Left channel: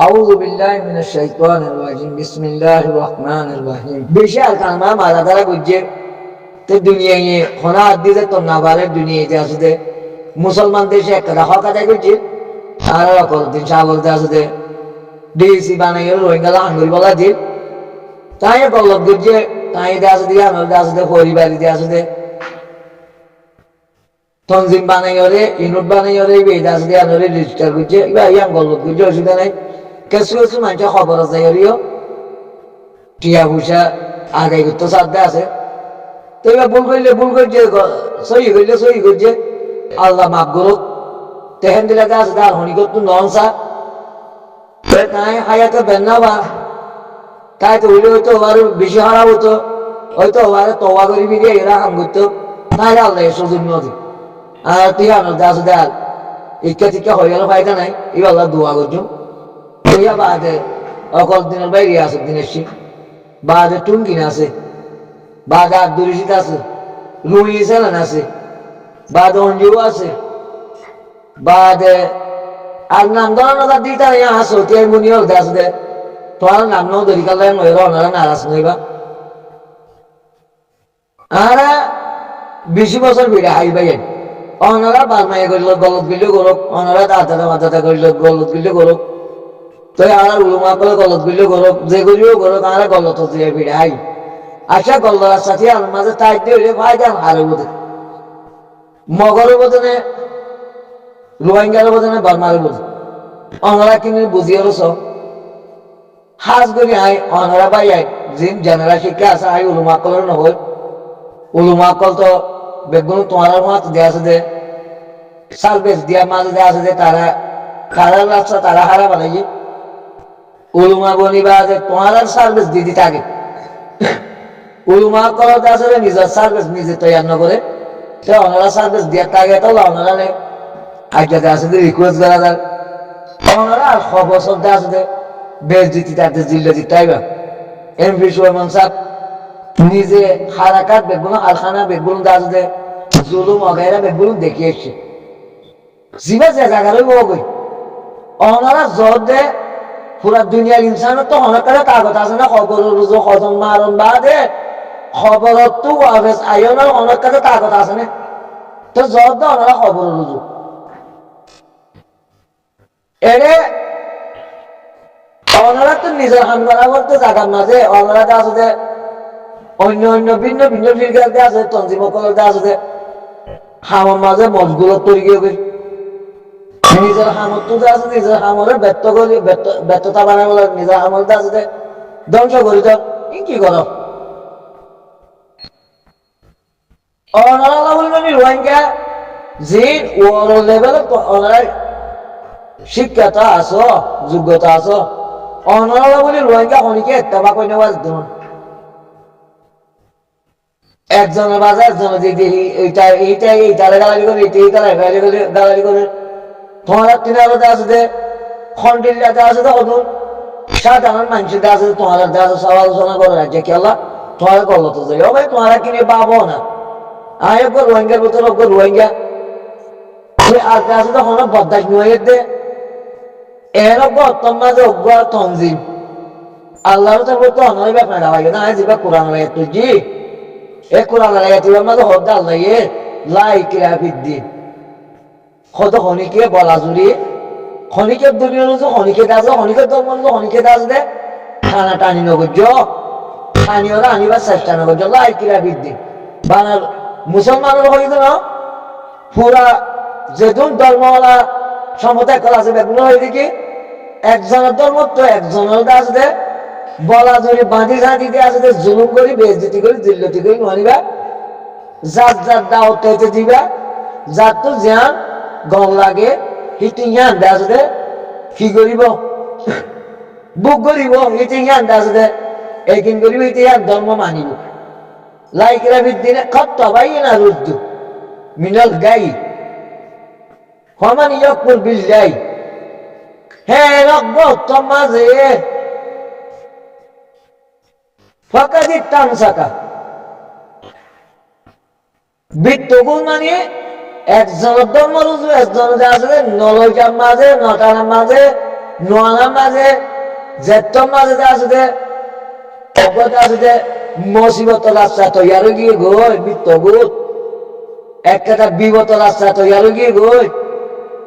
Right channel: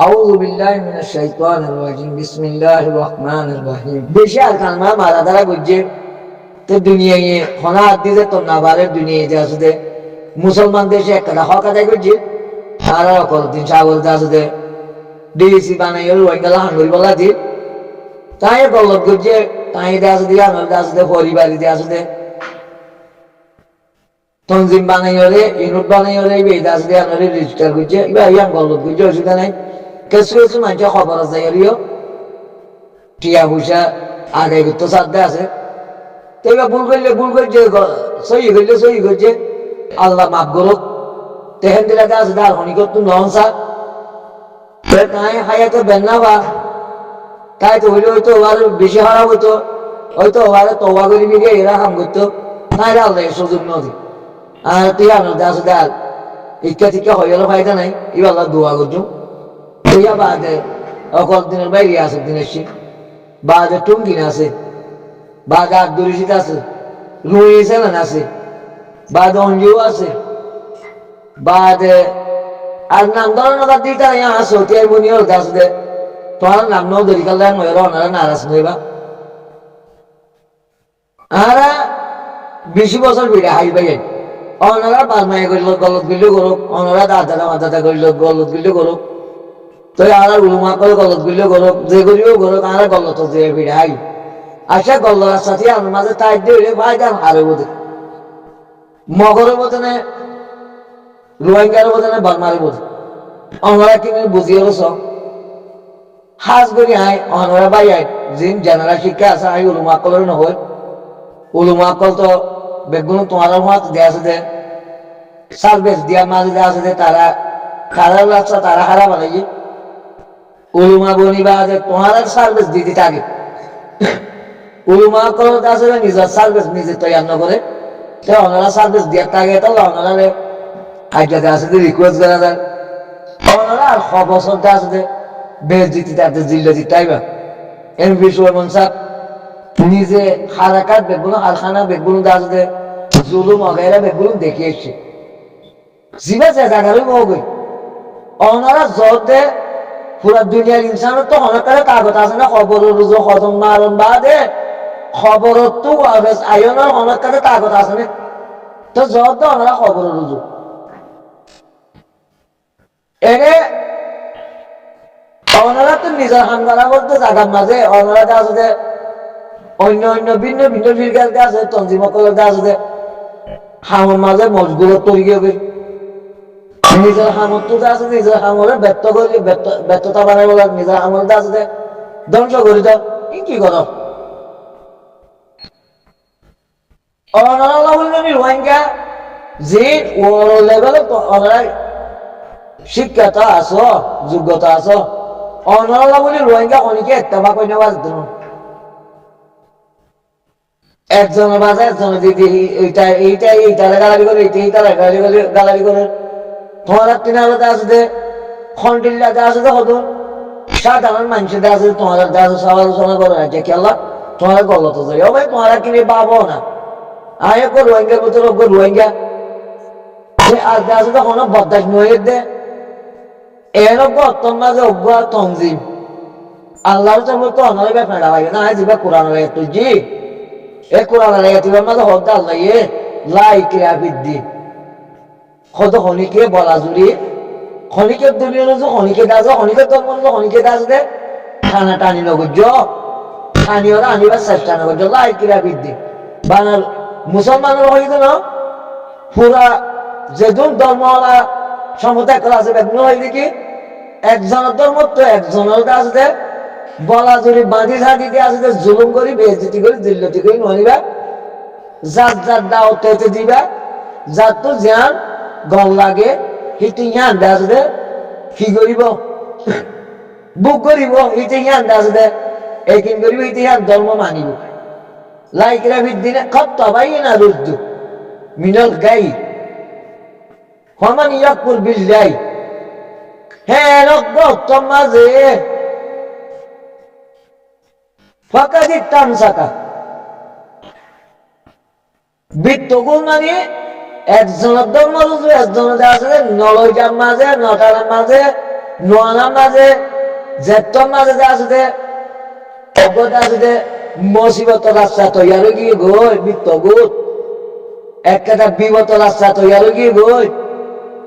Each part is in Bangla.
আউযু বিল্লাহি মিনাশ শাইতানির রাজিম বিসমিল্লাহির রহমানির রহিম বেশি আর কালমা মারা দ্বারা গজ্জে তে দুনিয়ায় খনা আদি যে তন্নাবারের দুনিয়ায় যে আছে দে মুসলমান দেশে একটা হক আদায় করছে আর অকল দিন সাগর দে আছে দে ডিসি বানাইল রোহিঙ্গা হাঙ্গরি বলা যে তাই গলত গজ্জে তাই দে আছে দিয়া আমল দে আছে দে পরিবারই দে আছে দে তনজিম বানাইরে ইউনিট বানাইরে এই দে আছে দে আমল রেজিস্টার করছে ইবা ইয়াং গলত গজ্জে অসুবিধা নাই কিছু কিছু মানুষের খবর আছে এরিও টিয়া পয়সা আদায় করতে সাধ্য আছে তো এবার ভুল করছে সহি করছে আল্লাহ মাফ করুক তেহেন দিলাতে আছে তার হনিকত ননসা তাই হায়াতে বেন্না বা তাই তো হইলে হয়তো ওবার বেশি হারা হতো হয়তো ওবারে তবা করি ফিরিয়ে এরা হাম করতো তাই আল্লাহ সুযোগ নদী আর তুই আনন্দ আছে দেখ ইচ্ছা টিকা হয়ে গেল ফায়দা নাই এবার আল্লাহ দোয়া করছো ইয়া বাদে অকল দিনের বাইরে আছে দিনের সিং বাদে টুমকিন আছে বাদে আদুরিশিত আছে রুই সেলেন আছে বাদে অঞ্জু আছে বাদে আর নাম ধরো না দিই তারা ইয়া আসো তিয়ার বুনিয়র দাস দে তোমার নাম নাও ধরি কাল্লায় নয় ওনারা নারাজ নইবা আরা 20 বছর ভিড়ে হাই ভাই ওনারা বালমাইয়া করিল গলত গিল্ল করুক ওনারা দাদা মাদাদা করিল গলত গিল্ল করুক তো আর উলুমা করে গলত গিল্ল করুক যে করিও করুক আর গলত যে ভিড়ে হাই আচ্ছা গল্লার সাথে আর মাঝে তাই দিয়ে ফায়দা হারে বোধ মগরের বোধনে রোহিঙ্গার বোধনে বার্মার বোধ ওনারা কিনে বুঝিয়ে সব হাজ করি আই ওনারা বাই আই জিন জেনারেল শিক্ষা আছে আই উলুমা কলের নহয় উলুমা কল তো বেগুন তোমার হাত দেয়া আছে দে সার্ভিস দিয়া মাঝে দেয়া আছে যে তারা খারাপ রাস্তা তারা হারা বানাই উলুমা বনিবা যে তোমার সার্ভিস দিদি থাকে উলুমা কলতে আসলে নিজের সার্ভিস নিজে তৈরি না করে তো ওনারা সার্ভিস দেওয়ার থাকে তো ওনারা আজকে আছে রিকোয়েস্ট করা যায় ওনারা আর খবর চলতে আছে বেশ দিতে তাদের জিল্লা দিতে আইবা এমপি সোহেমান সাহ নিজে হারাকাত বেগুলো হারখানা বেগুলো আছে জুলুম অগাইরা বেগুলো দেখে এসছে জিবা যে জায়গারই গই ওনারা জোর দে পুরা দুনিয়ার ইনসানের তো অনেক কাগজ আছে না খবর রুজু হজম মারণ বা দে খবরত তো আয়নের অনেক কাগজ আছে না তো জোর দে ওনারা খবর রুজু এরে ওনারা তো নিজের হাম করা করতে জায়গার মাঝে ওনারা আছে অন্য অন্য ভিন্ন ভিন্ন ফিরকাতে আছে তঞ্জিমকলতে আছে হামের মাঝে মজগুলো তৈরি গিয়ে নিজের হামত তো আছে নিজের হামরে ব্যর্থ করি ব্যর্থতা বানাই বলে নিজের হামর আছে ধ্বংস করি দাও কি করো ওনারা বলবেন রোহিঙ্গা যে ওর লেভেলে ওনারা শিক্ষাটা আছো যোগ্যতা আছো ওনারা বলি রোহিঙ্গা খনিকে একটা কই নেওয়া যেত না একজনের বাজে একজনের দিদি এইটা গালারি করে এইটা গালারি করে তোমার তিন আলাদা আছে দে খন্ডিল্লাতে আছে দে হদুন সাধারণ মানুষের আছে তোমার আছে সব আলোচনা করে রাজ্যে কি আল্লাহ তোমার গলত যাই ভাই তোমার কিনে পাবো না আয় রোহিঙ্গার ভিতরে রোহিঙ্গা আজ আছে তখন বদাস নয় দে এর অত্যম মাঝে অজ্ঞ তঞ্জিম আল্লাহর তো বলতো অনারে ব্যাপার লাগে না জিবা কোরআন লাগে তুই জি এ কোরআন লাগে তুই মাঝে হদ আল্লাহ লাই কিরা বিদ্যি কত খনিকে বলা জুড়ি খনিকের দুনিয়া অনুযায়ী খনিকে দাস খনিকের ধর্ম অনুযায়ী খনিকে দাস দে টানা টানি নগর্য স্থানীয়রা আনিবার চেষ্টা নগর্য লাই কিরা বৃদ্ধি বানার মুসলমানের হইতো না পুরা যেদুন ধর্মওয়ালা সমতায় করা আছে বেগুন হয়ে দেখি একজনের ধর্ম তো একজনের দাস দে বলা জুড়ি বাঁধি ঝাঁটিতে আছে দে জুলুম করি বেজতি করি দিল্লতি করি ননিবা যার যার দাওয়াতে দিবা যার তো জ্ঞান গল লাগে হিটি জ্ঞান দাস দে কি করিব বুক করিব হিটি জ্ঞান দাস দে একিন করিব হিটি জ্ঞান ধর্ম মানিব লাইকরা বিদ্দিনে খত ভাই না রুদ্দু মিনল গাই হমান ইয়াকপুর বিল্লাই হ্যাঁ রগ্গ মাঝে ফাঁকাদি টান সাকা বৃত্তগুল মানে একজনের ধর্ম রুজু একজনের আছে নলজার মাঝে নটার মাঝে নোয়ানার মাঝে জেত্তর মাঝে আছে দে অজ্ঞতা আছে দে মসিবত রাস্তা তৈয়ার গিয়ে গই মৃত্যুগুত একটা বিগত রাস্তা তৈয়ার গিয়ে গই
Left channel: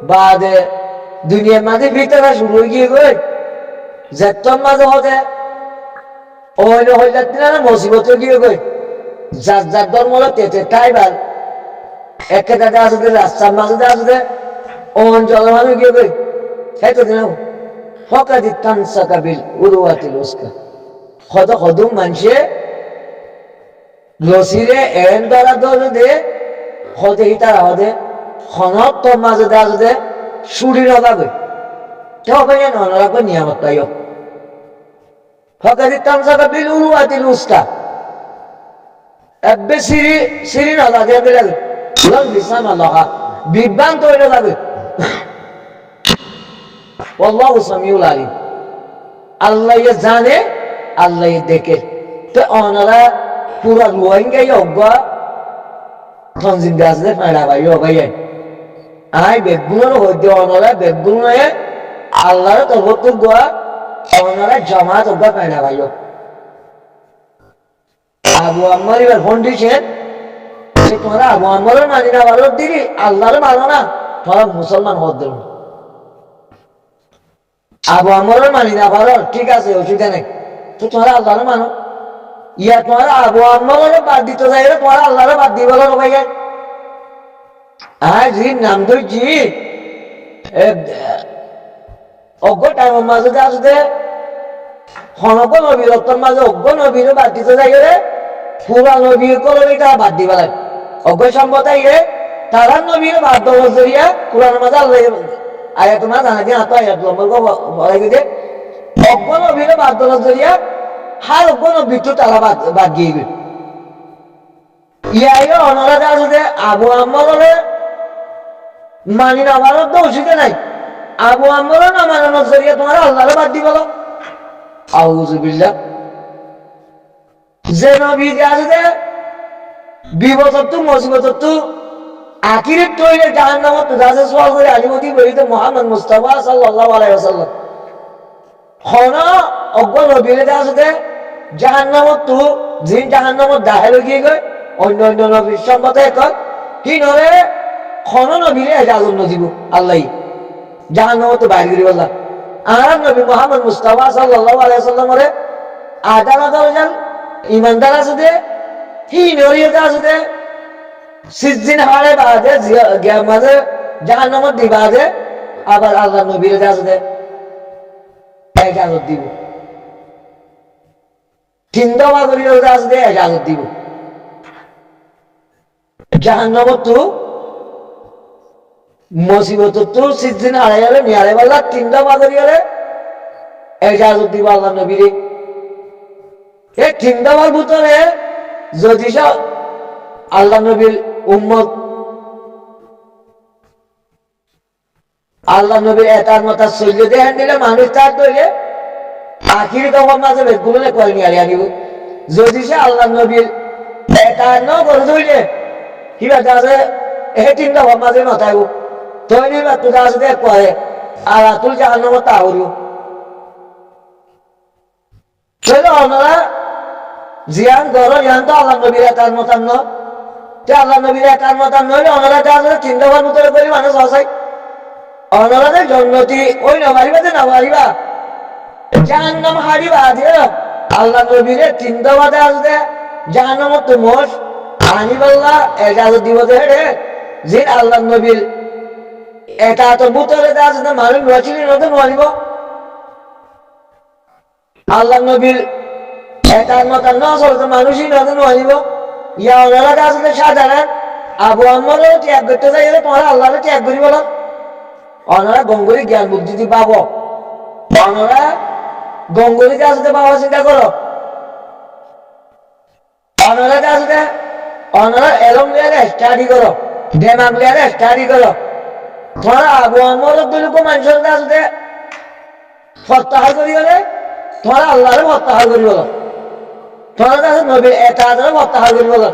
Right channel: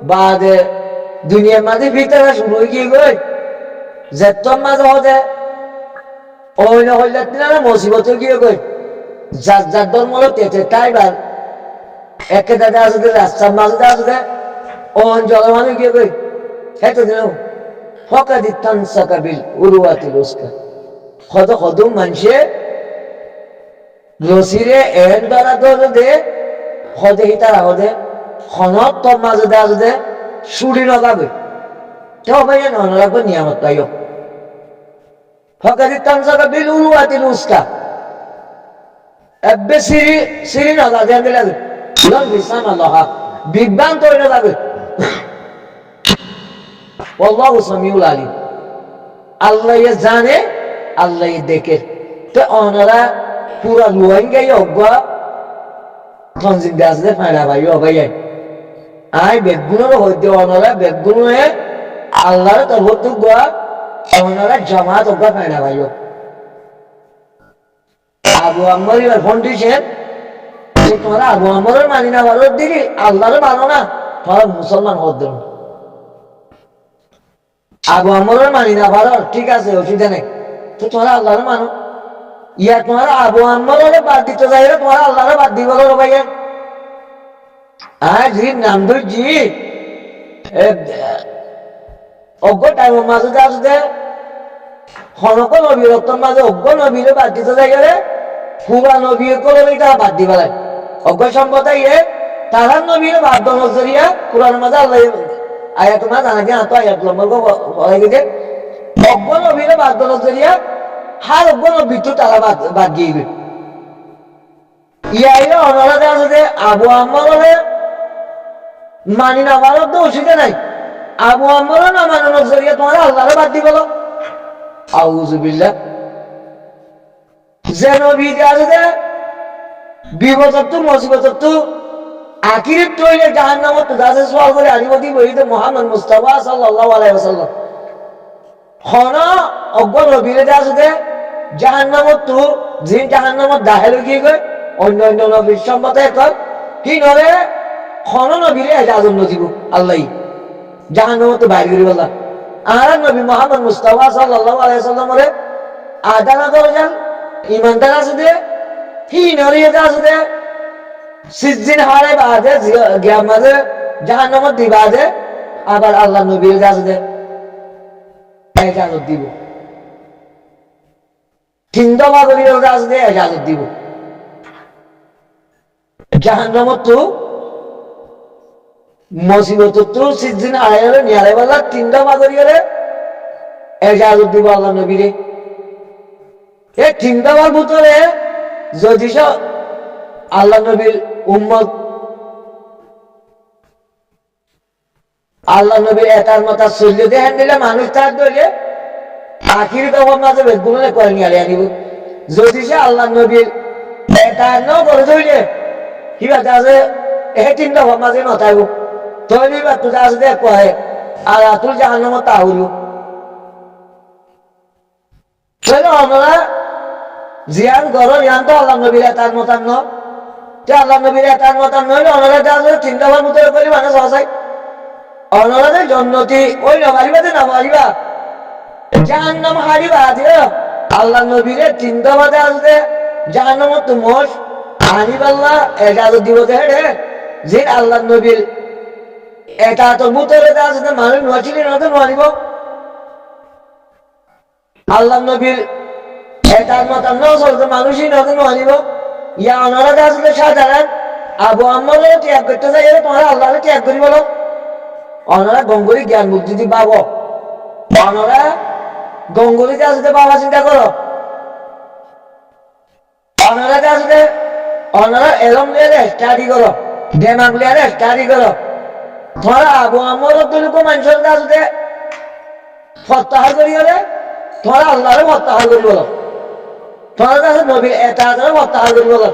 বাদে দুনিয়ার মাঝে ভিতরে শুরু গিয়ে গই জেত্তর মাঝে হতে অন্য হয়ে যাচ্ছে না মসিবত গিয়ে গই যার যার ধর্ম তেতে তাই ভাল একটা আছে দে রাস্তার মাঝে আছে দে অঞ্চল মানুষ গিয়ে গই হেতো দিন ফকাদি তানসাকা বিল উরুয়াতিল উসকা কত কদম মানুষে লসিরে এন দ্বারা ধরে দে হদে হিতার হদে খনত তোর মাঝে দে আছে দে সুরি নবাবে কেউ ভাই অনারাগ নিয়ামত পাইও ফকাদি তানসাকা বিল উরুয়াতিল উসকা এবে সিরি সিরি নদা দেন দিলে লং বিসাম আল্লাহ বিভ্রান্ত হইল যাবে আল্লাহু সামিউল আলিম আল্লাহ জানে আল্লাহ দেখে তো ওনারা পুরা রোহিঙ্গাই অজ্ঞা তঞ্জিন গাছলে ফাঁড়া ভাই ও ভাই আই বেগুনের হইতে ওনারা বেগুন আল্লাহর তরফ গোয়া ওনারা জামাত অজ্ঞা ফাঁড়া ভাই আবু আম্মার এবার ফোন দিয়েছেন যে তোমরা আবু আম্মারের মানি না ভালো দিদি আল্লাহর মানো না তোমরা মুসলমান হদ দেন আবু আম্মারের মানি না ভালো ঠিক আছে অসুবিধা নেই তো তোমরা আল্লাহর মানো ইয়া তোমার আবু আম্মারের বাদ দিতে যাই তোমার আল্লাহর বাদ দিব রে ভাইয়া আয় জি নাম ধর জি অজ্ঞ টাইমের মাঝে আসতে হনক নবীর রক্তর মাঝে অজ্ঞ নবীর বাদ দিতে যাই রে পুরা নবীর কলমে তারা বাদ দিবা লাগে অজ্ঞ সম্পদায় তারা নবীর বাদ দেওয়ার জরিয়া কোরআনের মাঝে আল্লাহ আয়া তোমার জানা দিয়ে হাত আয়াত লম্বর বলে গেছে অজ্ঞ নবীর বাদ দেওয়ার জরিয়া হার অজ্ঞ নবীর তো তারা বাদ দিয়ে ইয়াই অনারাতে আছে আবু আম্মারে মানি না ভারত তো অসুবিধা নাই আবু আম্মারও না মানানোর জরিয়া তোমার আল্লাহরে বাদ দিব আউযুবিল্লাহ যে নবী আছে বিপদত তো মুসিবত তো আখিরাত তৈরি জাহান্নামত তো যাচ্ছে সওয়াল করে আনিবতি বলিতে মুহাম্মদ মুস্তাফা সাল্লাল্লাহু আলাইহি ওয়াসাল্লাম খন অজ্ঞ নবীর আছে জাহান্নামত তো জিন জাহান্নামত দাখিল হয়ে গই অন্য অন্য নবীর সম্মতে কয় কি নরে খন নবীরে এজাজত নজিব আল্লাহ জাহান্নামত তো বাইরে করে বললাম আর নবী মুহাম্মদ মুস্তাফা সাল্লাল্লাহু আলাইহি ওয়াসাল্লামরে আদানা দরজাল ইমানদার আছে দে হি নরিয়তে আছে দে সিজদিন হারে বাদে গিয়ামাতে জাহান্নামত দিবা দে আবার আল্লাহ নবীর আছে দে এজাজত দিব তিনটা করিয়ে আছে দে এজাজত দিব জাহান্নামত তো মুসিবত তো সিজদিন হারাইলে নিয়ারে বাল্লা তিনটা করিয়ে এজাজত দিব আল্লাহ নবীরে এই তিনটা বার ভিতরে যদি আল্লাহ নবীর উম্মত আল্লাহ নবীর এটার মাথা চলিয়ে দেখেন দিলে মানুষ তার ধরে আখির কখন মাঝে বেদগুলো করে নিয়ে আনিব যদি সে আল্লাহ নবীর এটা ন করে ধরলে কিবা আছে এই তিনটা ভাব মাঝে নথাইব তৈরি বা তুই আছে দেখ করে আর আতুল জাহান্নামত তা হইব তাহলে ওনারা জিয়ান গরর ইয়ান তো আল্লাহ নবীর এটার মতান ন আল্লাহ নবীর এটার মতান নইলে ওনারা তিনটা বার ভিতরে করি মানুষ হসাই অনরাদের জন্নতি ওই না মারিবাতে না মারিবা জাহান্নাম হারিবা যে আল্লাহ নবীরে তিনটা বাদে আসবে জাহান্নামত তো মোষ আনিবাল্লাহ এজাজত দিব হেডে যে আল্লাহ নবীর এটা তোর ভিতরে আসবে মানুষ রচিলি নতুন মারিব আল্লাহ নবীর এটার মতান ন চলতে মানুষই নতুন মারিব ইয়া অনরাতে আসলে সাধারণ আবু আম্মারও ত্যাগ করতে চাই তোমার আল্লাহরে ত্যাগ করি বলো অনারা গঙ্গরি জ্ঞান মুক্তি দি পাব অনারা গঙ্গরিতে আসতে বাবা চিন্তা করো অনারাতে আসতে অনারা এলম লিয়ারে স্টাডি করো দেমাগ লিয়ারে স্টাডি করো তোমরা আবু আম্মর দুলুকো মানুষের আসতে প্রত্যাহার করি হলে তোমরা আল্লাহরে প্রত্যাহার করি বলো তোমরা কাছে নবীর এটা প্রত্যাহার করি বলো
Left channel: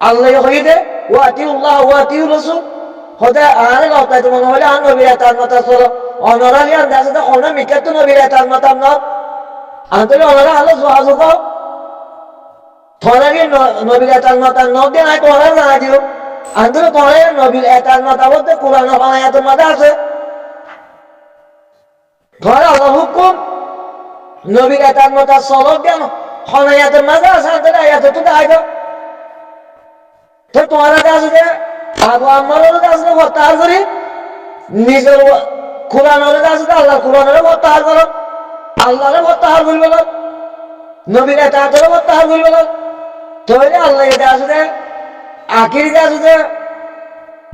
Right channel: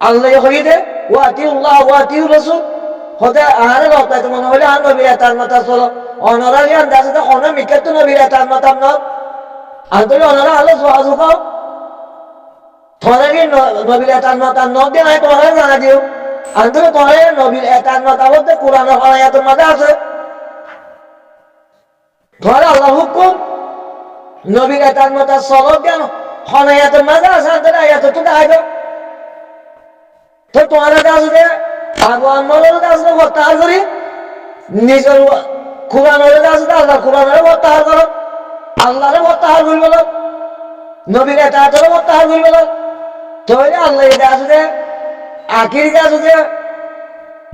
আল্লাহ হইতে ওয়াতিউল্লাহ ওয়াতিউ রাসূল হতে আহারে লতাই তোমার হইলে আর নবীর তার মাথা চলো অনরালি আন্দাজে তো অন মিকাত তো নবীর এতার মাতাম ন আন্তলে অনরা আলো যোগাযোগ থরালি নবীর এতার মাতাম ন দিয়ে নাই তোমরা জানা দিও আন্তলে তোমরা নবীর এতার মাতাবত কোরআন হনায়াতের মাঝে আছে তোমরা আল্লাহ হুকুম নবীর এতার মাতা সলব দেন হনায়াতের মাঝে আছে আন্তলে আয়াত তো দাইতো তো তোমরা কাছে আবু আম্মারের কাছে প্রত্যাহার করি নিজের কোরআনের কাছে আল্লাহ কোরআনের প্রত্যাহার করো আল্লাহরে প্রত্যাহার করবে না নবীর এতাহাতের প্রত্যাহার করবে না তাহলে আল্লাহ এটা আসলে আখির কাছে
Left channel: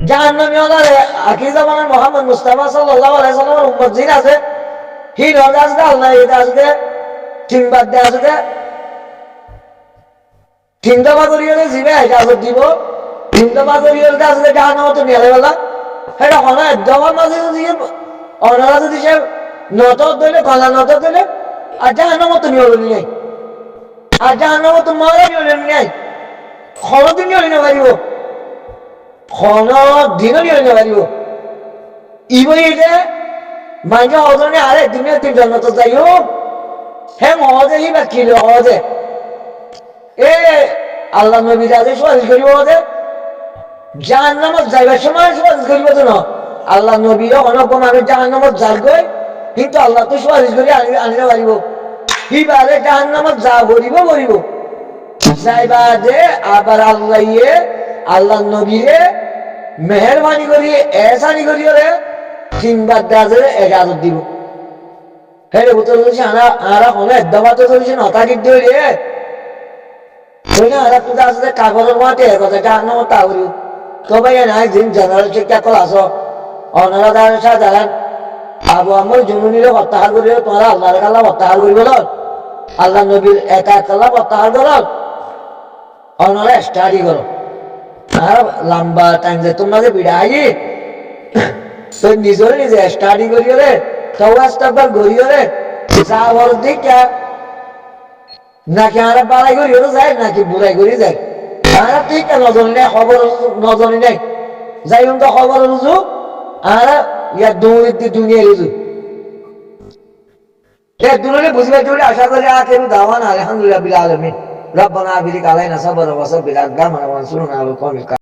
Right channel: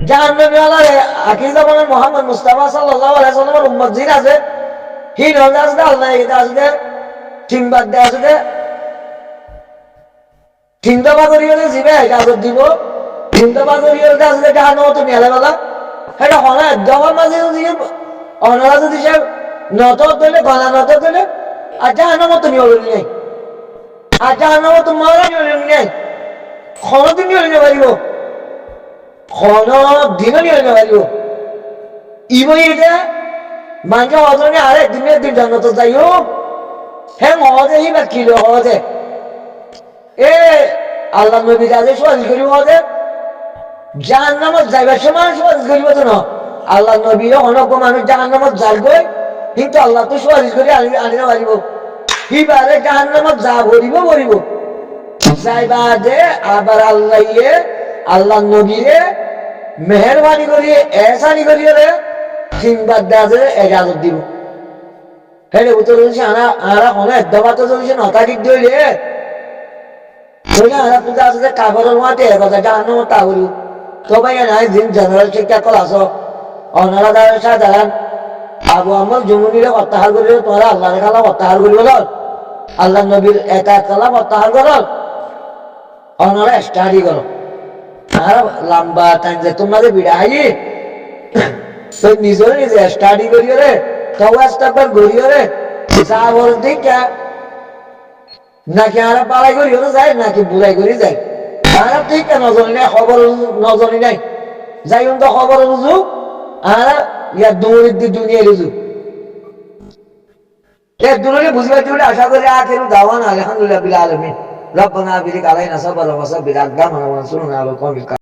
জাহান্নামী আল্লাহ আখির জামানের মোহাম্মদ মুস্তাফা সাল্লাল্লাহু আলাইহি সাল্লামের উম্মত জিন আছে হিন হলে আসলে আল্লাহ এটা আসলে তিনবার দেয় আসলে তিনটা বাদরি হলে জিবে ইজাজত দিব তিনটা বাদরি হলে আসলে জাহান্নামে তো নিয়ে গেল সেটা হনা দফার মাঝে যদি অনরা যদি সে নতর দিলে গলা নতর দিলে আর জাহান্নামে তো নিয়ে নাই আর জাহান্নামে তো মারা নিয়ে নাই ক্ষণদিন নিয়ে নিতে পারিব ক্ষণদিনও নিয়ে নিতে পারিব ইবই এটা মানুষের অজনে আরে দিনের দিন জন্নত যাই হোক হ্যাঁ মহজে হি বা কিলো সহজে এ আল্লাহ নবী রাজে সুপারিশ করিব সহজে জাহান্নামত যাইবার সময় সুপারিশ করিব তো না আল্লাহ নবী অনজ্ঞ মানুষ জাহান্নামত যার গই কিন্তু আল্লাহ তো সুপারিশ করি আনিতে পারিব হিবারে জাহান্নামত যা ভরিব যাইবা যে আবার আল্লাহ নবীরে মেহরবানি করি এহসানি করি রে তিনবার দাজে এজাজত দিব হেরে বুঝতে চলছি আরা কোনো একদমাতে চলছি নতাকির দই রে আরা পূজা আছে কাপড়ের মাঠে কথা জাহান্নামত তা করি তবে নাই দিন জেনারেল শিক্ষা কল আস অনারা দ্বারা সাধারণ আবু আমর জমুনিরে প্রত্যাহার করিব তোমরা আল্লাহর কাল্লা প্রত্যাহার করিব আল্লাহ নবীর এটা কাল্লা প্রত্যাহার কর অনারা স্টাডি করো আর লম্বা টাইম যে তোমরা যে বিড়াই তো নিজরে নিজে স্টাডি করিও রে তওয়াস্তাকবার করিও রে যা বল দেখা নাকি আর বাড়াই করিও যায় নাকি বুড়াই করি যায় আর ঠিক নজনি নাই খবর নজনি নাই যাই তো খবর রুজু আর ইয়ার দৌড়ের দিয়ে দুনিয়া রুজু দুজনে বুঝতে পারছি আশা করি আখেরু দাওয়ান আলহামদুলিল্লাহ বিল আলামিন রব্বানা বিলিক আলাইনা সাবরা ওয়া সাব্বির আকদামানা ওয়ানসুরনা আলা কওমিল